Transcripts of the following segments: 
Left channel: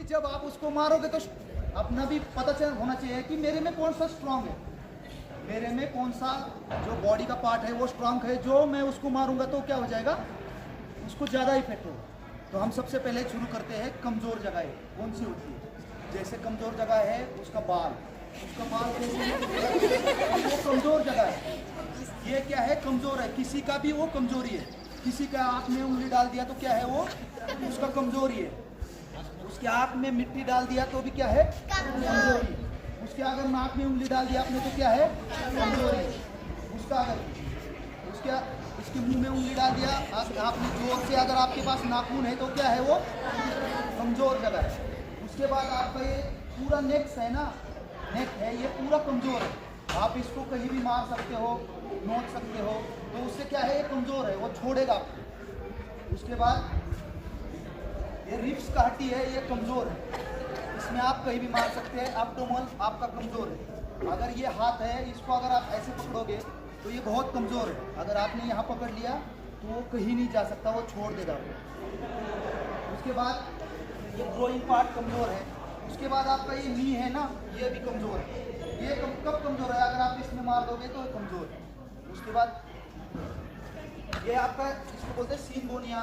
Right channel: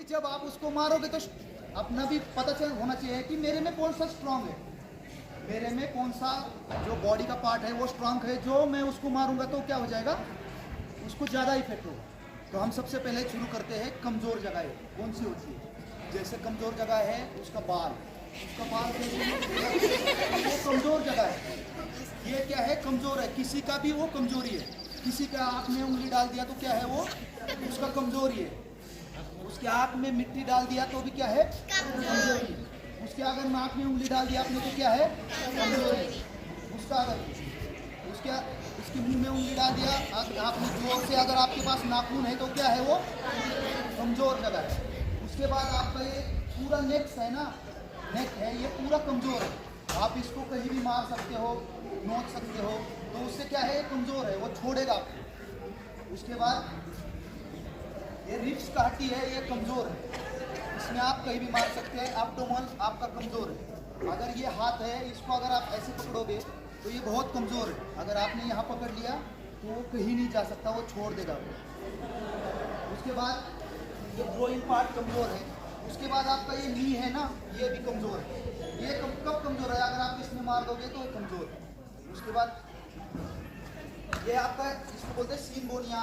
कि जब आप उसको मारोगे तो अपना भी पता चल होना चाहिए कि मेरे में कौन सा स्ट्रांग है, मेरे में कौन सा जो बॉडी का पार्ट है वो स्ट्रांग है, जो मैं उसको मारूंगा तो क्या हो जाएगा, उसको ज़्यादा इफेक्ट होगा। तो हम सबसे पहले शुरू करते हैं कमज़ोर जगह कौन सी होती है। जैसे कमज़ोर जगह है उसका बाल कैसे है, वो कमज़ोर जगह है। ये क्या है, कमज़ोर है। किसी का भी वो कमज़ोरी है। किसी का आँख में उंगली डाल दिया तो क्या है, वो उसका कमज़ोरी है। उसके आँख में मिट्टी डाल दिया तो भी क्या है, कमज़ोरी। उसके अगर नाक में उंगली डाल दिया आपने तो क्या है, कमज़ोरी। उसका अगर उसके मुंह में उंगली डाल दिया आपने जोर से, अगर आपके पास नाखून है तो क्या है, वो कमज़ोर जगह है। उसके बाद आपका ये पूरा नेक है ना, नेक है, ये पूरा कमज़ोर है। आप इसको कहीं भी मार सकते हो, नोच सकते हो, तो उससे क्या है, ये कमज़ोर है, वो छोड़ेगा आपको। उसके बाद ये रिब्स का हड्डी है, ये कमज़ोर है, इसमें आप कहीं भी मार सकते हैं। एब्डोमेन आपका कमज़ोर है। अगर ये हाथ है, इसको अगर आप ऐसे पकड़ोगे तो ये बहुत कमज़ोर है। अगर आपने यहाँ पकड़ लिया तो वो कहीं नहीं जा सकता, वो छोड़ देगा आपको। उसके बाद ये ग्रोइंग पार्ट कमज़ोर है। उसके बाद आपका ये नी है ना, ये भी कमज़ोर है। ये कब कमज़ोर है, अगर आप इसमें मार दोगे तो ये कमज़ोर है। उसके बाद ये आपका, इसको बोलते हैं सीन बोन, या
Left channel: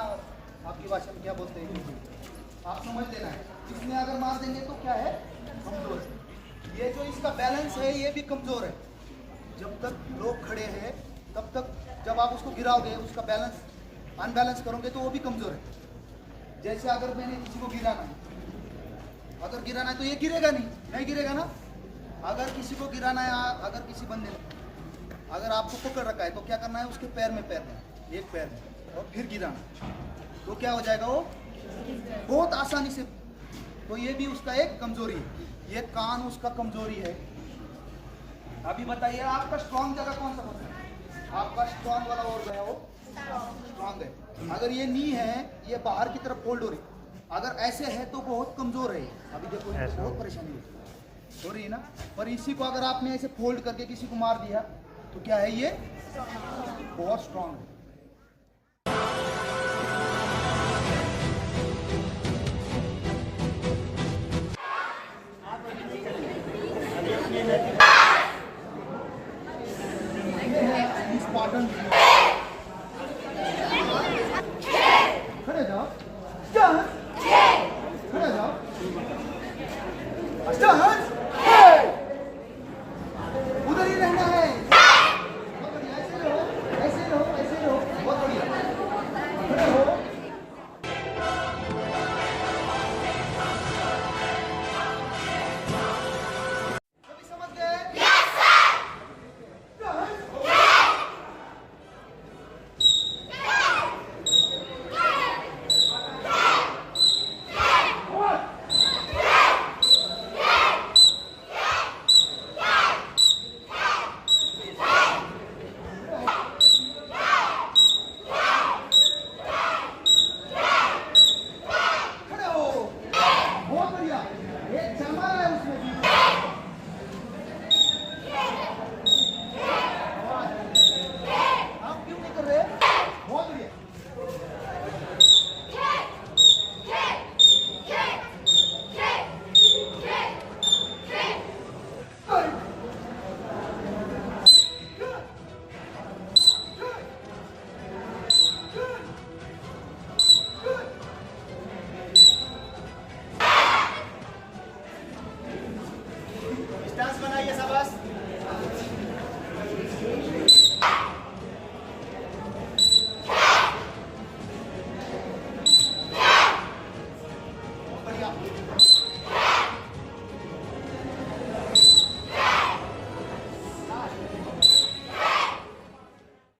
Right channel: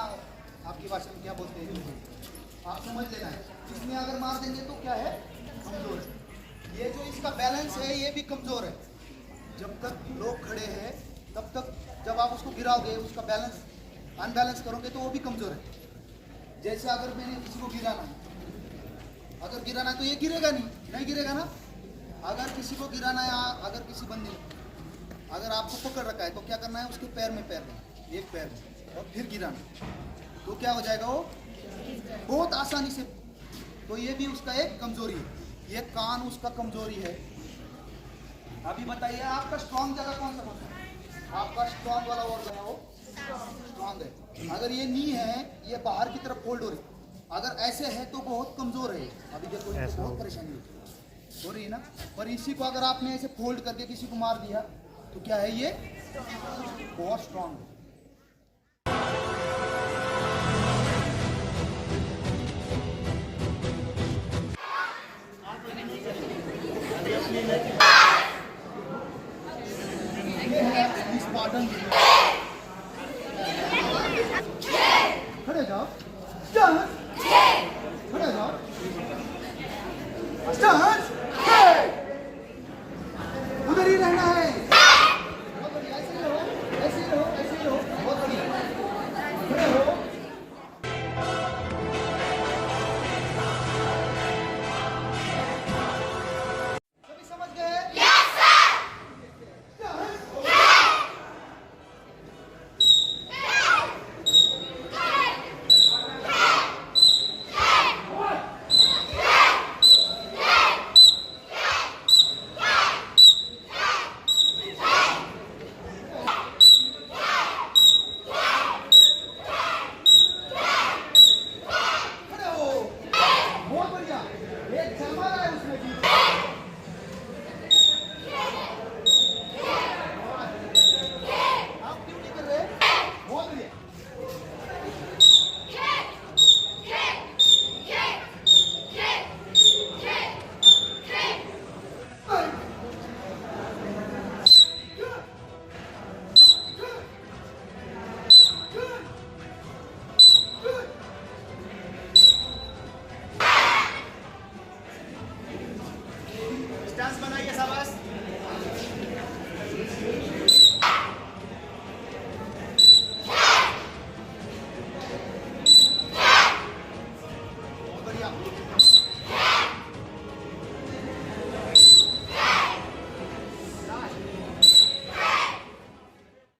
आपकी भाषा में क्या बोलते हैं, जो भी आप समझ लेना है। इसमें अगर मार देंगे तो क्या है, कमज़ोर है। ये जो इसका बैलेंस है ये भी कमज़ोर है। जब तक लोग खड़े हैं तब तक, जब आप उसको गिराओगे, उसका बैलेंस अनबैलेंस करोगे तो वो भी कमज़ोर है। जैसे अगर मैंने किसी को गिराना है, अगर गिराना है तो ये गिरेगा नहीं गिरेगा ना। अगर किसी को गिराना है, अगर किसी बंदे ने अगर आपको पकड़ रखा है तो क्या करना है, उसके पैर में पैर देना, एक पैर में, और फिर गिराना, तो क्या हो जाएगा, वो बहुत आसानी से। तो ये भी उसका एक कमज़ोरी है। ये कान उसका कमज़ोरी है। अभी बताइए आपका स्ट्रांग जगह कौन सा है, आपका स्ट्रांग वाला ऑर्गन है, वो स्ट्रांग है। अगर ये नी है, ये बाहर की तरफ फोल्ड हो रही, अगर ऐसे है तो बहुत कमज़ोर है। अभी देखो इनको बहुत परेशानी हो रही है ना। पर इसी को अगर आपने ऐसे फोल्ड करके किसी को मार दिया तो क्या है, ये बहुत स्ट्रांग है। खड़े जाओ, खड़े जाओ, उधर ही रहना है। बहुत बढ़िया, ऐसे रहो, ऐसे रहो, ऐसे रहो, बहुत बढ़िया, खड़े हो। सभी समझ गए? बहुत बढ़िया, एक चल मार रहा है उसमें भी।